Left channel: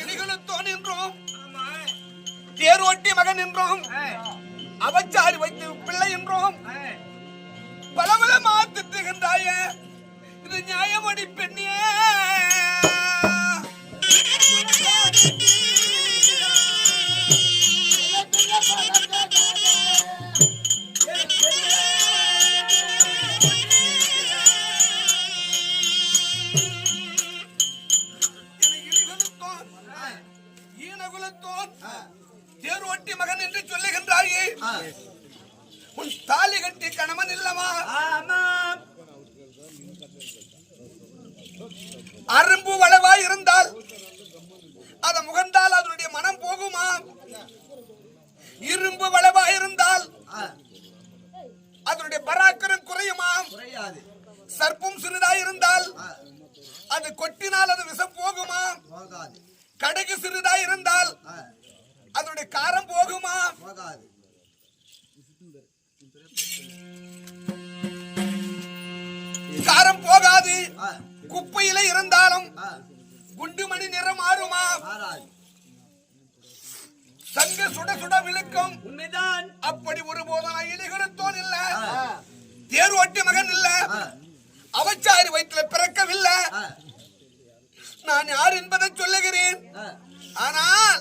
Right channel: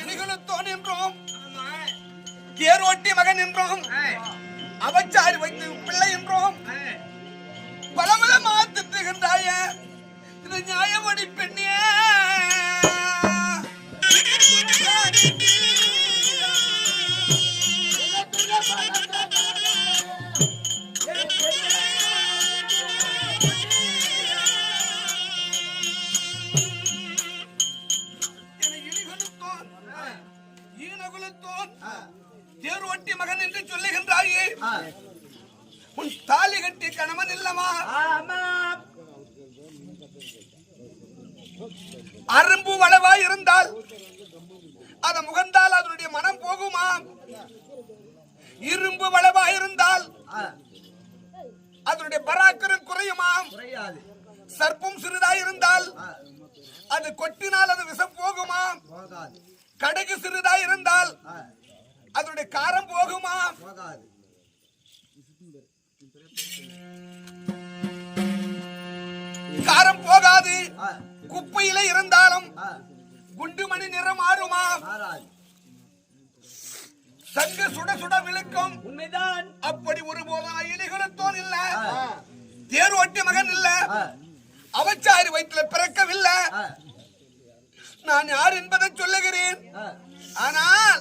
இடிகளுத்தோன் என்றோம், தேரோட்டி மகன் என்றோம், அவச்சாரி வைத்து பிள்ளை என்றோம், பல பலமா திட்டுகின்றாய. இது நியாயமடி பெண்ணே. தேரோட்டி மகன் என்று சொல்லுகின்றாயே, உன் தாலி கட்டி கணவன் இல்லமா? அரும்பு வளவா இருந்தால் அத முகந்தால் அதனுடைய மனம் போகுமா? இரும்பு வளவா இருந்தால் அதனுடைய பராக்கிரம் குறையுமா? சர்ப்பம் சிறிதா இருந்தால் அது கொட்டினால் அது விஷம் போகுமா? கடுகு சிறிதா இருந்தால் அதனுடைய காரம் போகுமா? காரம் போகாது. குப்பையில இருந்தாலும் குண்டுமணி நிறம் மாறுமா? சங்கு சுட சுட விழுக்கும். உண்மைதான். அப்படி ஒருபோதும் இடிகளுத்தோன் இல்ல, தேரோட்டி மகன் இல்ல, அவச்சாரி வயிற்றுல பிறக்கவில்லை. நான் யார் என்பதை சொல்லுகிறேன். ஆனால்